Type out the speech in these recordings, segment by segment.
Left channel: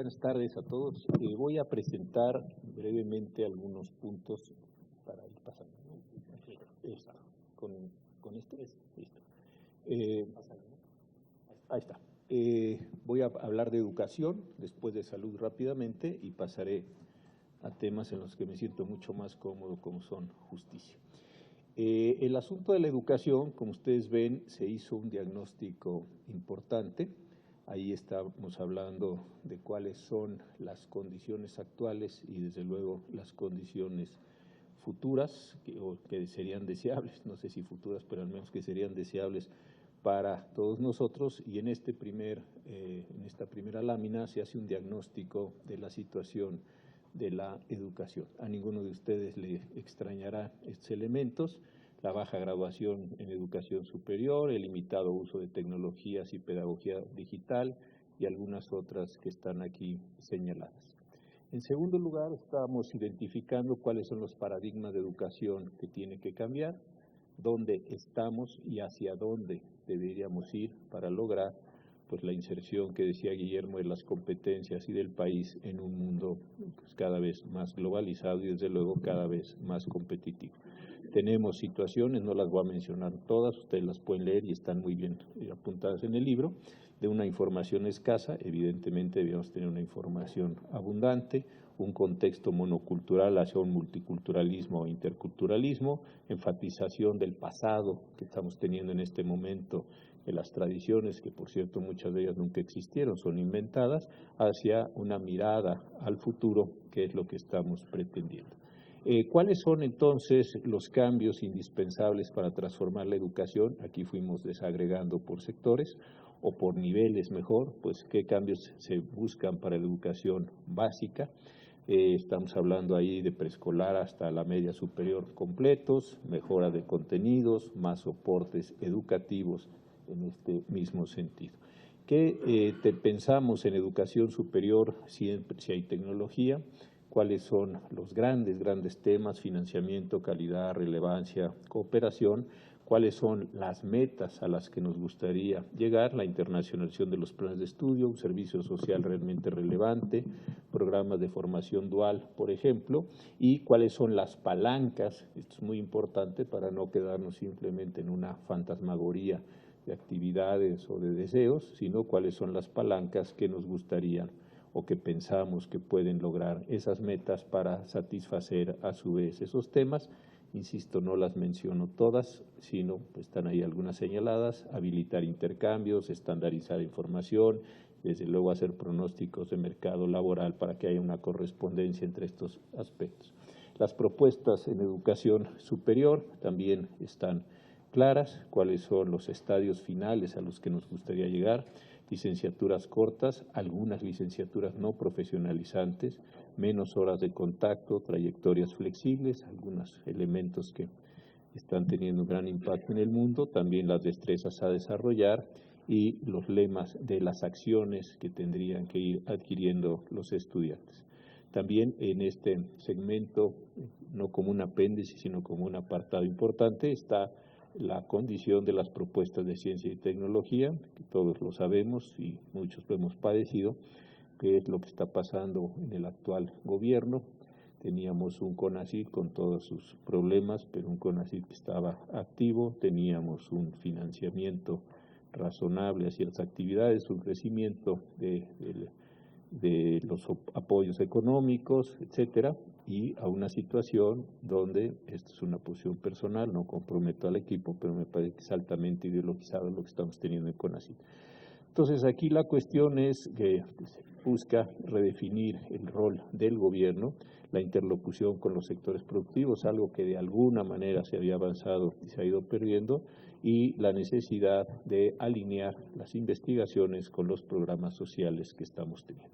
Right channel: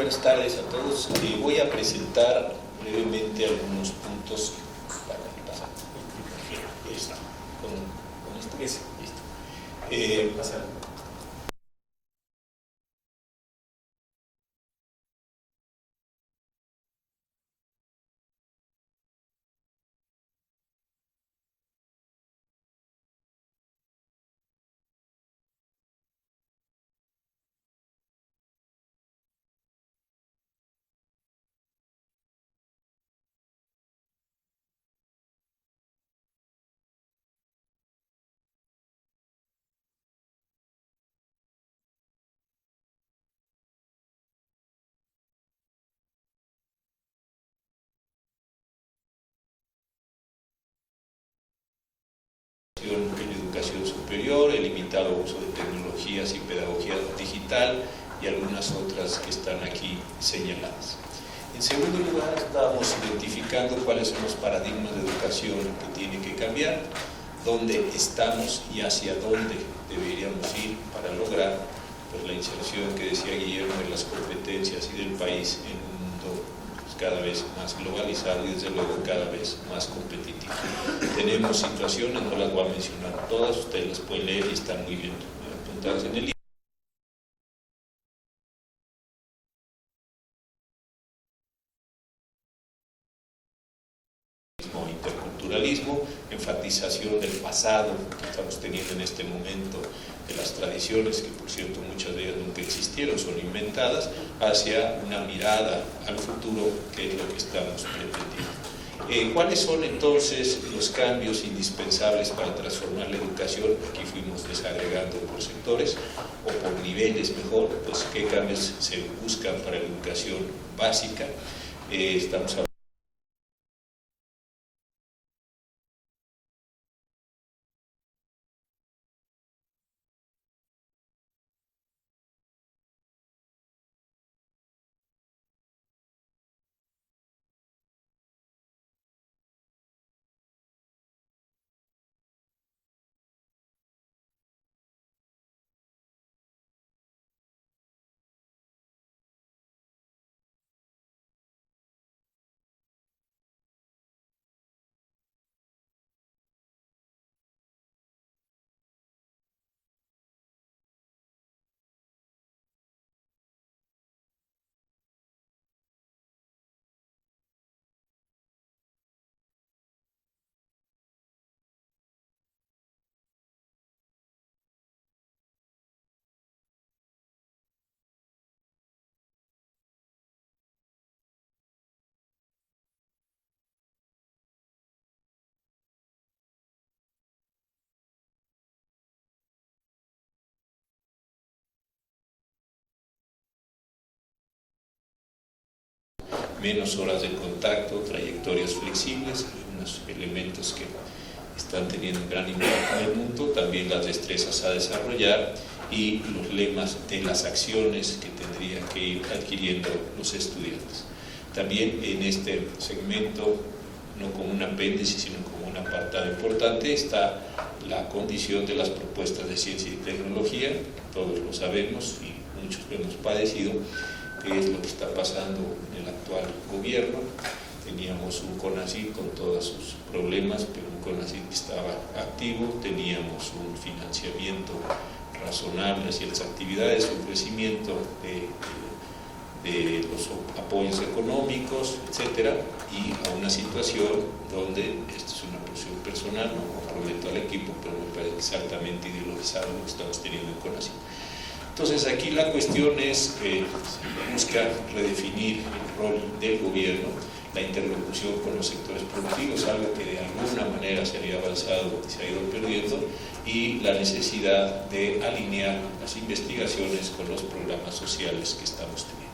buenas tardes a todos. Voy a presentar brevemente algunos puntos para pasar. Ahí está. Voy a hablar de educación, después de salud rápidamente, y pasaré a temas en los que me siento mucho más cómodo, como son justicia. El asunto de la educación, como ustedes ven, se hizo un diagnóstico importante. Ahí estamos hablando de cuáles son las condiciones actuales y desde luego las condiciones futuras que serían deseables, no sé si futuras, pero al menos que serían deseables para todos nosotros. Y en esta primera lámina se hace un diagnóstico de la situación de la educación. A ninguno de ustedes le extrañará estos elementos: la baja graduación en educación superior, el limitado uso de tecnologías y pedagogía digital y algunas otras que están aquí señaladas. En segundo lugar, estamos identificando cuáles son los paradigmas de educación que tienen que cambiar, dónde estamos y hacia dónde deberíamos ir para lograr pues, la inserción que decía Guillermo de las competencias y del país en un mundo cada vez más globalizado y desde luego cada vez más competitivo. Tenemos situaciones, no las voy a mencionar todas, ustedes las pueden leer y están muy bien apuntadas en el libro, de una información escasa. Evidentemente debemos tener una información abundante, un contexto monocultural hacia un multiculturalismo o interculturalismo, enfatización del pasado que estamos teniendo en este momento, de las tradiciones, que por cierto muchas de ellas nunca existieron, son inventadas, hacia una mirada al futuro, que es lo que estamos pretendiendo. ¿Cuáles son entonces los cambios indispensables para transformar la educación? Aquí fuimos desagregando por sectores o por niveles mejor, pues qué cambios se buscan para la educación básica. Estamos hablando ahí de preescolar hasta la media superior completos, mejora de contenidos, más soportes educativos en este mismo sentido. ¿Qué pensamos en educación superior siempre si hay tecnología? ¿Cuáles son los grandes temas? Financiamiento, calidad, relevancia, cooperación. ¿Cuáles son las metas a las que nos gustaría llegar? La internacionalización de los planes de estudio, un servicio social realmente relevante, programas de formación dual, por ejemplo, y cuáles son las palancas. Esto es muy importante para no quedarnos simplemente en una fantasmagoría de actividades o de deseos, sino cuáles son las palancas que nos gustaría o que pensamos que pueden lograr esas metas para satisfacer a su vez esos temas. Insisto, no las menciono todas, sino pues, están ahí algunas señaladas: habilitar intercambios, estandarizar información, desde luego hacer pronósticos de mercado laboral para que haya una correspondencia entre estos aspectos. Las propuestas en educación superior también están claras: cuáles son los estadios finales a los que nos gustaría llegar, licenciaturas cortas, algunas licenciaturas no profesionalizantes, menos horas de contacto, trayectorias flexibles, algunos elementos que están teniendo un gran impacto en el mundo, también las destrezas a desarrollar y los lemas de las acciones que tendrían que ir adquiriendo los estudiantes. También en este segmento, no como un apéndice, sino como un apartado importante, está la condición de las propuestas de ciencia y tecnología. Todos lo sabemos y muchos lo hemos padecido, que es lo que está pasando en el actual gobierno. Teníamos un CONACYT con todos sus problemas, pero un CONACYT que estaba activo, teníamos un financiamiento razonable hacia las actividades, un crecimiento de los apoyos económicos, etcétera, y a una situación donde, esta es una posición personal, no comprometo al equipo, pero me parece exactamente ideologizado lo que estamos teniendo en CONACYT. Entonces aquí la cuestión es buscar redefinir el rol del gobierno, la interlocución con los sectores productivos, algo que de alguna manera se había avanzado y se ha ido perdiendo, y la necesidad de alinear las investigaciones con los programas sociales que estamos teniendo.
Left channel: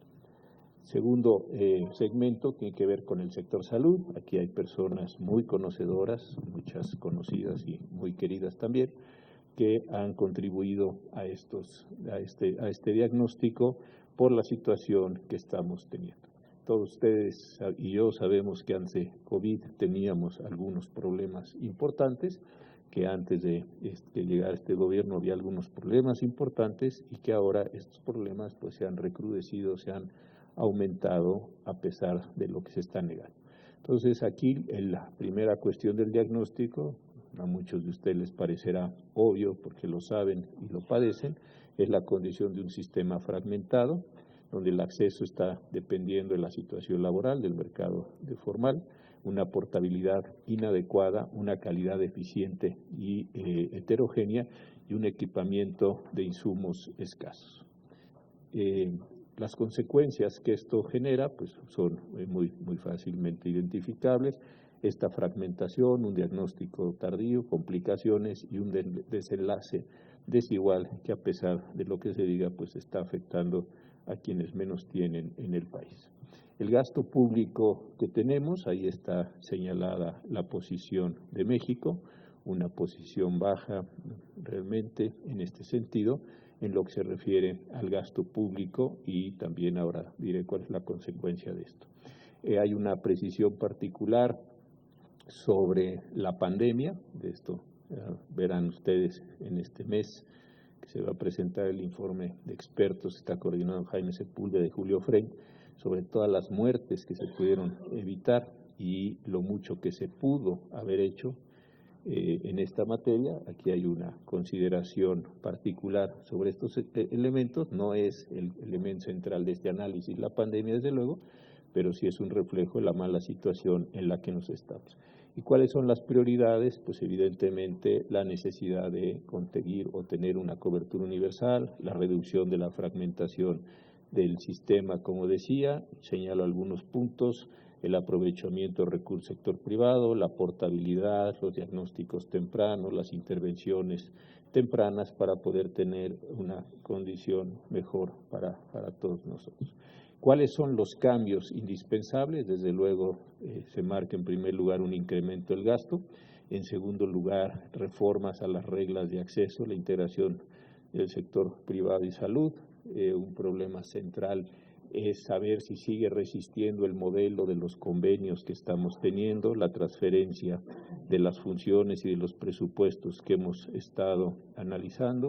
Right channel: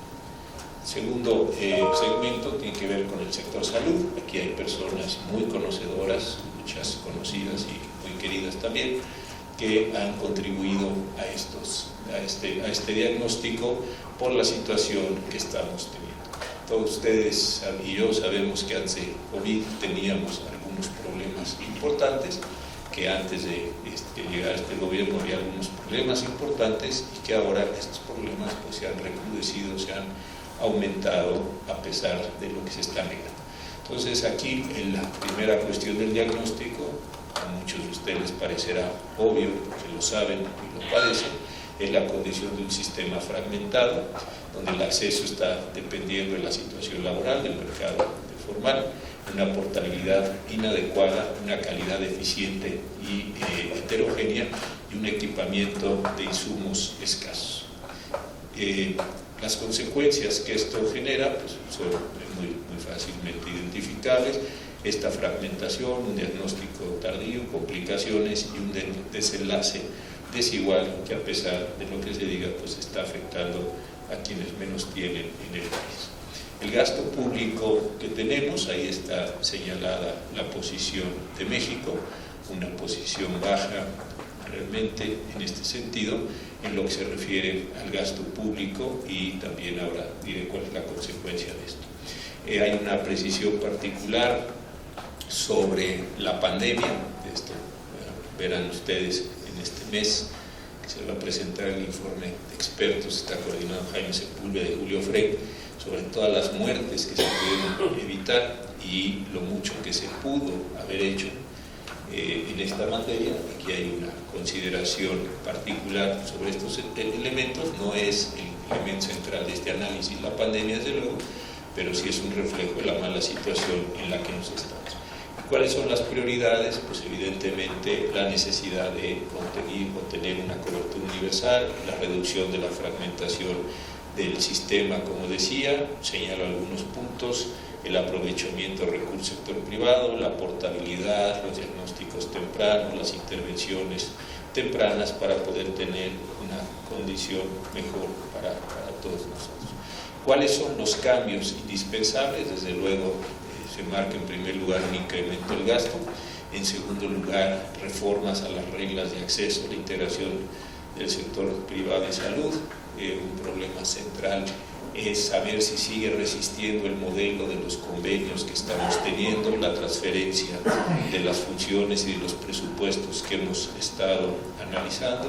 Segundo segmento tiene que ver con el sector salud. Aquí hay personas muy conocedoras, muchas conocidas y muy queridas también, que han contribuido a este diagnóstico por la situación que estamos teniendo. Todos ustedes y yo sabemos que antes de COVID teníamos algunos problemas importantes, que antes de llegar a este gobierno había algunos problemas importantes y que ahora estos problemas pues, se han recrudecido, se han aumentado a pesar de lo que se está negando. Entonces aquí en la primera cuestión del diagnóstico, a muchos de ustedes les parecerá obvio porque lo saben y lo padecen, es la condición de un sistema fragmentado, donde el acceso está dependiendo de la situación laboral, del mercado formal, una portabilidad inadecuada, una calidad deficiente y heterogénea y un equipamiento de insumos escasos. Las consecuencias que esto genera pues, son muy fácilmente identificables: esta fragmentación, un diagnóstico tardío, complicaciones y un desenlace desigual que, a pesar de lo que se diga, pues está afectando a quienes menos tienen en el país. El gasto público que tenemos, ahí está señalada la posición de México, una posición baja realmente en este sentido, en lo que se refiere al gasto público, y también ahora diré cuál es la consecuencia de esto. Hay una precisión particular sobre la pandemia. Esto verán ustedes en este mes que se va a presentar el informe de expertos, está coordinado Jaime Sepúlveda y Julio Frey, sobre todas las muertes que se pueden evitar y lo mucho que se pudo haber hecho en esta materia. Aquí hay una consideración particular sobre estos elementos. No es el elemento central de este análisis la pandemia, desde luego, pero sí es un reflejo de la mala situación en la que nos estamos. ¿Y cuáles son las prioridades? Pues evidentemente la necesidad de conseguir o tener una cobertura universal, la reducción de la fragmentación del sistema, como decía, señalo algunos puntos: el aprovechamiento del recurso sector privado, la portabilidad, los diagnósticos tempranos, las intervenciones tempranas para poder tener una condición mejor para todos nosotros. ¿Cuáles son los cambios indispensables? Desde luego se marca en primer lugar un incremento del gasto, en segundo lugar reformas a las reglas de acceso, la integración del sector privado y salud. Un problema central es saber si sigue resistiendo el modelo de los convenios que estamos teniendo, la transferencia de las funciones y de los presupuestos que hemos estado analizando,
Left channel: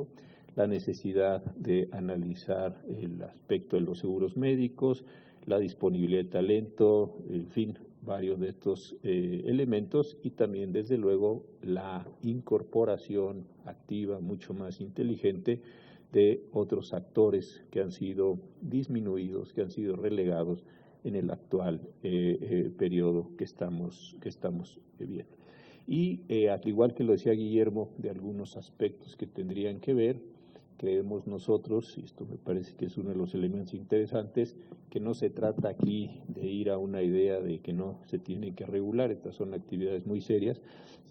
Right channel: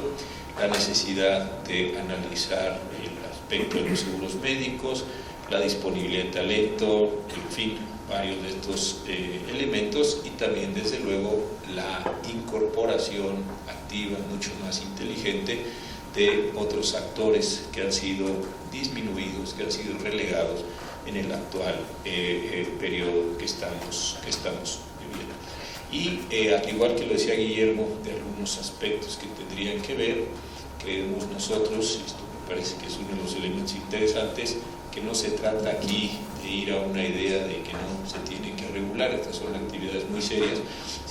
la necesidad de analizar el aspecto de los seguros médicos, la disponibilidad de talento, en fin, varios de estos elementos, y también desde luego la incorporación activa, mucho más inteligente, de otros actores que han sido disminuidos, que han sido relegados en el actual periodo que estamos viviendo. Y al igual que lo decía Guillermo, de algunos aspectos que tendrían que ver, creemos nosotros, esto me parece que es uno de los elementos interesantes, que no se trata aquí de ir a una idea de que no se tiene que regular, estas son actividades muy serias,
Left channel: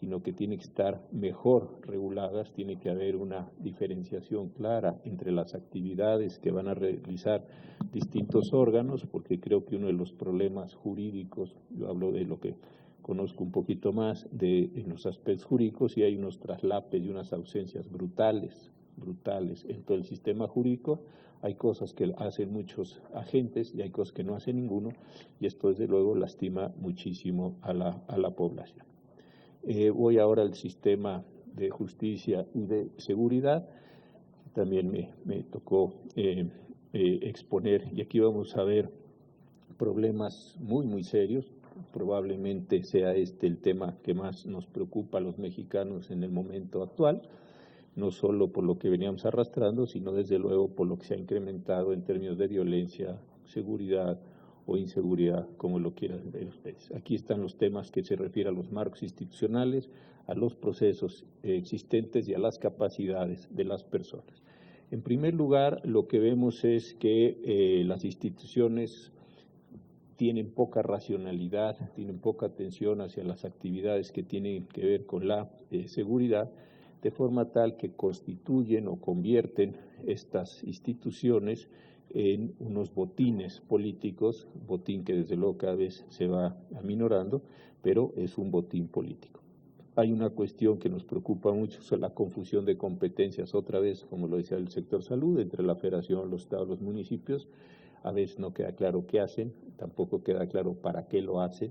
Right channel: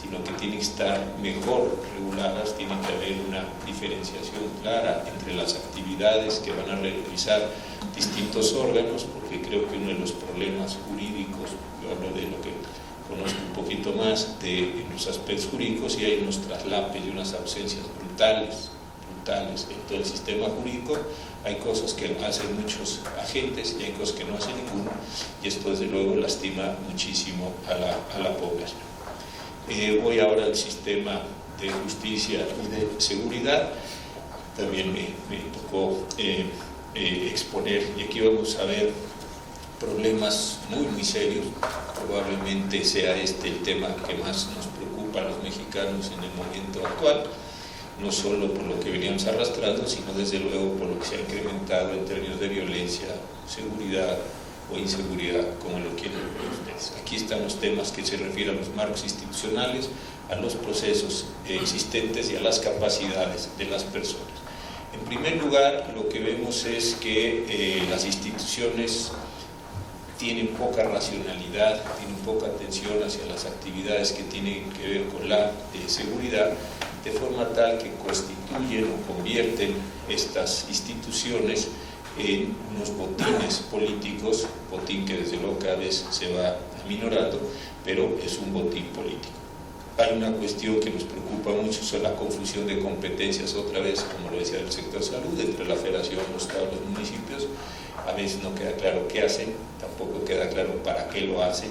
sino que tienen que estar mejor reguladas, tiene que haber una diferenciación clara entre las actividades que van a realizar distintos órganos, porque creo que uno de los problemas jurídicos, yo hablo de lo que conozco un poquito más en los aspectos jurídicos, y hay unos traslapes y unas ausencias brutales en todo el sistema jurídico. Hay cosas que hacen muchos agentes y hay cosas que no hacen ninguno, y esto desde luego lastima muchísimo a la población. Voy ahora al sistema de justicia y de seguridad. También me tocó exponer, y aquí vamos a ver problemas muy serios. Probablemente sea este el tema que más nos preocupa a los mexicanos en el momento actual, no solo por lo que veníamos arrastrando, sino desde luego por lo que se ha incrementado en términos de violencia, seguridad o inseguridad, como lo quieren ver ustedes. Aquí están los temas que se refieren a los marcos institucionales, a los procesos existentes y a las capacidades de las personas. En primer lugar, lo que vemos es que las instituciones tienen poca racionalidad, tienen poca atención hacia las actividades que tienen que ver con la seguridad, de forma tal que constituyen o convierten estas instituciones en unos botines políticos, botín que desde luego cada vez se va aminorando, pero es un botín político. Hay una cuestión que nos preocupa mucho, es la confusión de competencias, otra vez, como lo decía el sector salud, entre la federación, los estados, los municipios. A veces no queda claro qué hacen, tampoco queda claro para qué lo hacen.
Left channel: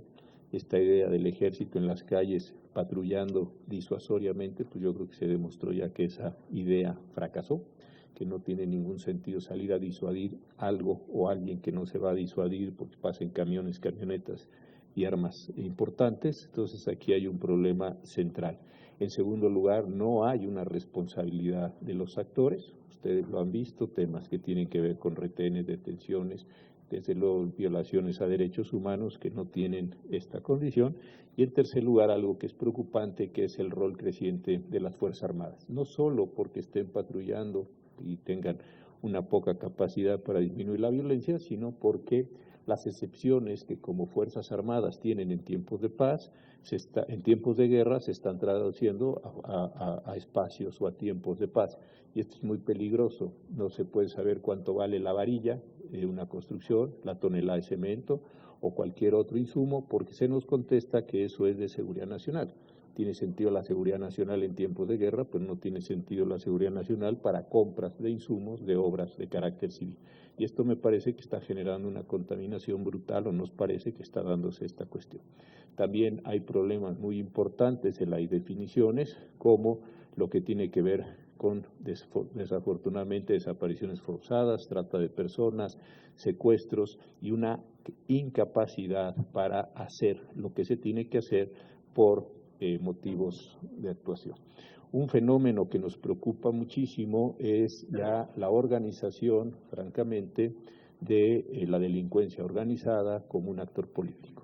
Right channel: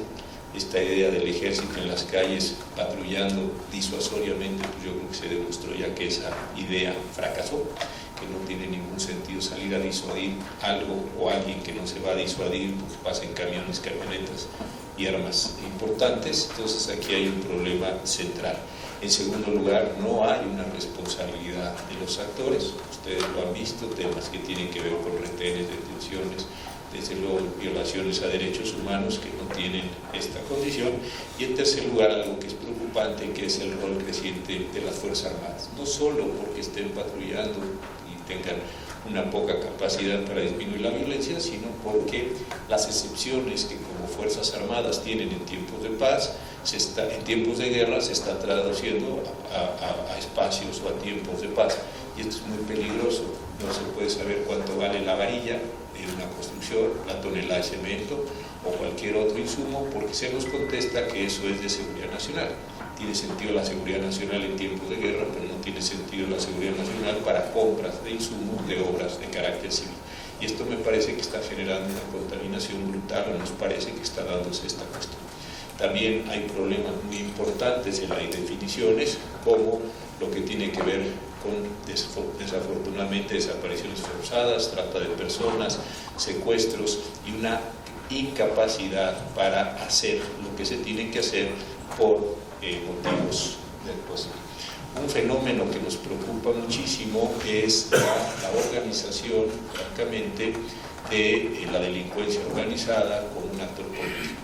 Esta idea del ejército en las calles patrullando disuasoriamente, pues yo creo que se demostró ya que esa idea fracasó. que no tiene ningún sentido salir a disuadir algo o alguien que no se va a disuadir porque pasen camiones, camionetas y armas importantes. Entonces aquí hay un problema central. En segundo lugar, no hay una responsabilidad de los actores. Ustedes lo han visto, temas que tienen que ver con retenes, detenciones, desde luego violaciones a derechos humanos que no tienen esta condición. Y en tercer lugar, algo que es preocupante, que es el rol creciente de las Fuerzas Armadas. No solo porque estén patrullando y tengan una poca capacidad para disminuir la violencia, sino porque las excepciones que como Fuerzas Armadas tienen en tiempos de paz, en tiempos de guerra se están traduciendo a espacios o a tiempos de paz. Y esto es muy peligroso. No se puede saber cuánto vale la varilla de una construcción, la tonelada de cemento o cualquier otro insumo, porque se nos contesta que eso es de seguridad nacional. Tiene sentido la seguridad nacional en tiempos de guerra, pero no tiene sentido la seguridad nacional para compras de insumos de obras de carácter civil. Y esto me parece que está generando una contaminación brutal, o nos parece que está dándose esta cuestión. También hay problemas muy importantes en las definiciones, como lo que tiene que ver con, desafortunadamente, desapariciones forzadas, trata de personas, secuestros y una incapacidad para hacer lo que se tiene que hacer por motivos de actuación. Un fenómeno que nos preocupa muchísimo es la organización, francamente, de la delincuencia organizada como un actor político.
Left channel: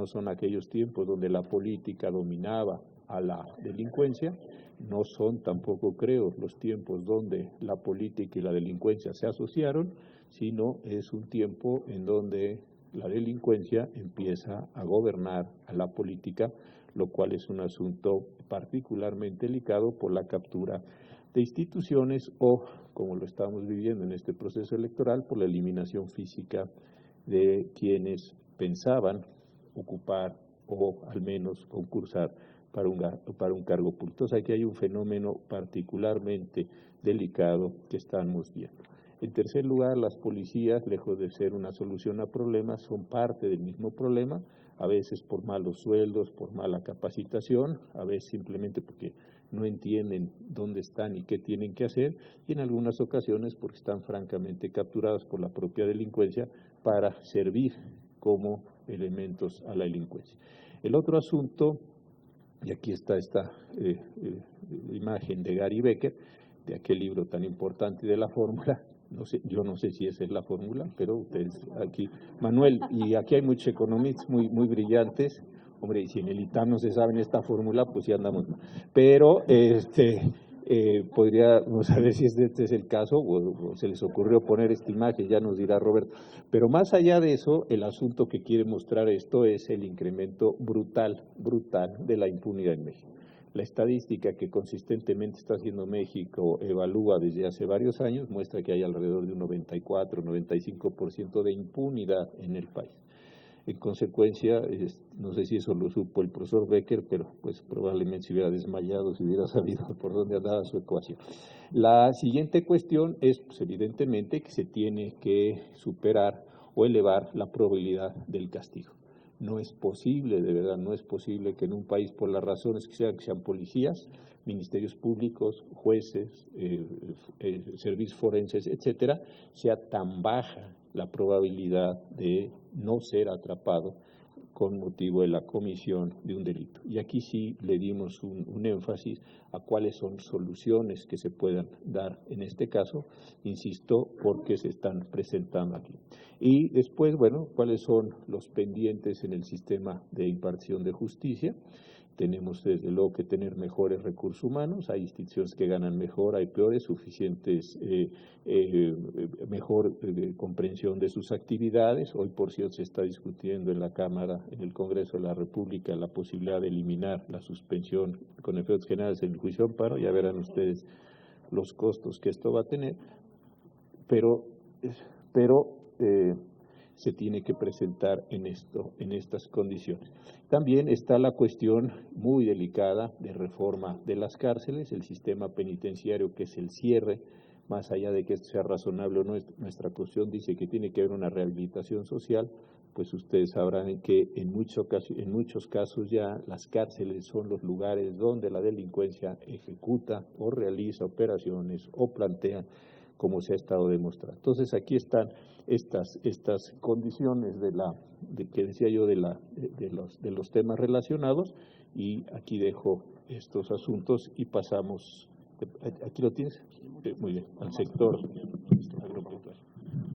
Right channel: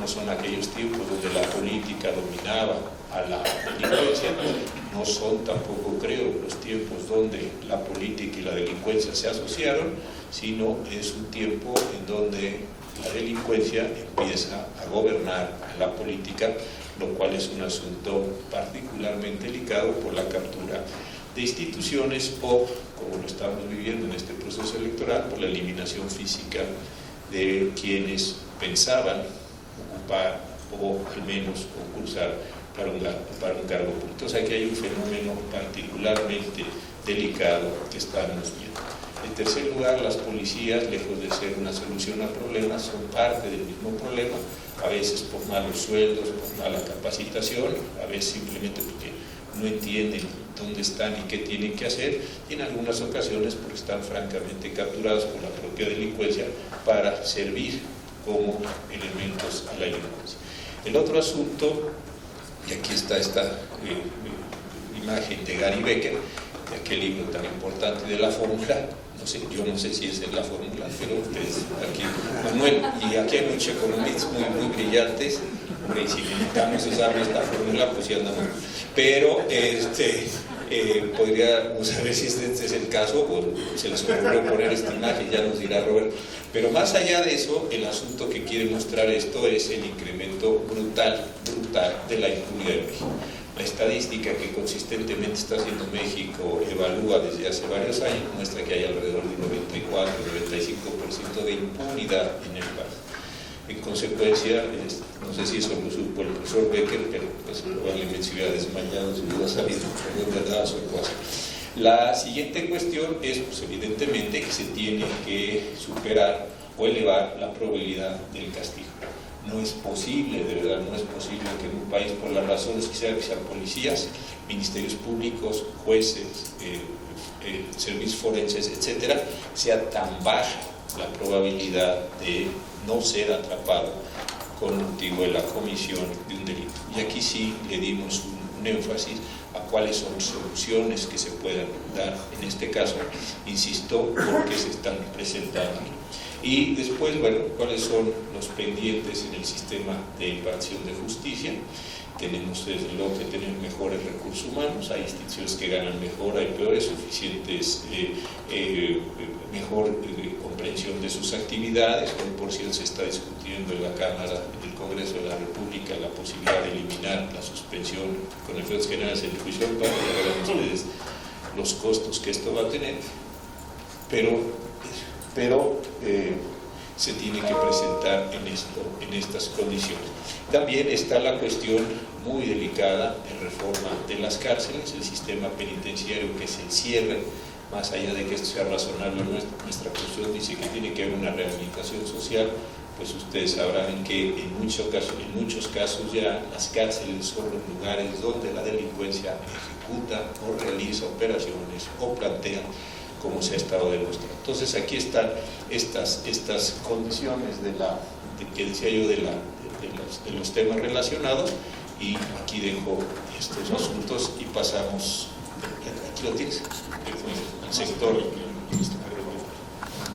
No son aquellos tiempos donde la política dominaba a la delincuencia, no son tampoco, creo, los tiempos donde la política y la delincuencia se asociaron, sino es un tiempo en donde la delincuencia empieza a gobernar a la política, lo cual es un asunto particularmente delicado por la captura de instituciones o, como lo estamos viviendo en este proceso electoral, por la eliminación física de quienes pensaban ocupar o al menos concursar para un cargo público. Entonces aquí hay un fenómeno particularmente delicado que estamos viendo. En tercer lugar, las policías, lejos de ser una solución al problema, son parte del mismo problema, a veces por malos sueldos, por mala capacitación, a veces simplemente porque no entienden dónde están y qué tienen que hacer, y en algunas ocasiones porque están francamente capturados por la propia delincuencia para servir como elementos a la delincuencia. El otro asunto, y aquí está esta imagen de Gary Becker, de aquel libro tan importante de la fórmula. No sé, yo no sé si esa es la fórmula, pero ustedes aquí, Manuel, y aquí hay muchos economistas muy brillantes. Hombre, y si necesitamos usar esta fórmula, pues ya andamos. Pero podríamos saber si este es el caso, o se les ocurrió poner esta imagen, ya nos dirá Roberto. Pero más allá de eso, el asunto que quiere mostrar esto es el incremento brutal de la impunidad en México. La estadística que consistentemente está haciendo México evalúa desde hace varios años, muestra que hay alrededor de 94-95% de impunidad en el país. En consecuencia, no sé si eso lo supo el profesor Becker, pero pues probablemente se hubiera desmayado, se hubiera salido por donde daba su ecuación. La siguiente cuestión es, pues, evidentemente, que se tiene que superar o elevar la probabilidad del castigo. No es posible, de verdad, no es posible que en un país, por las razones que sean policías, ministerios públicos, jueces, servicios forenses, etcétera, sea tan baja la probabilidad de no ser atrapado con motivo de la comisión de un delito. Y aquí sí le dimos un énfasis a cuáles son soluciones que se puedan dar en este caso, insisto, porque se están presentando. Y después, bueno, cuáles son los pendientes en el sistema de impartición de justicia. Tenemos desde luego que tener mejores recursos humanos, hay instituciones que ganan mejor, hay peores, suficientes, mejor comprensión de sus actividades. Hoy, por cierto, se está discutiendo en la Cámara, en el Congreso de la República, la posibilidad de eliminar la suspensión con efectos generales en el juicio de paz. Ya verán ustedes los costos que esto va a tener, pero se tiene que presentar en estas condiciones. También está la cuestión muy delicada de reforma de las cárceles, el sistema penitenciario, que es el cierre, más allá de que esto sea razonable, nuestra Constitución dice que tiene que haber una rehabilitación social, pues ustedes sabrán que en muchos casos ya las cárceles son los lugares donde la delincuencia ejecuta o realiza operaciones o plantea, como se ha estado demostrando. Entonces aquí están estas condiciones que decía yo de los temas relacionados, y aquí dejo estos asuntos y pasamos, aquí lo tienes, al sector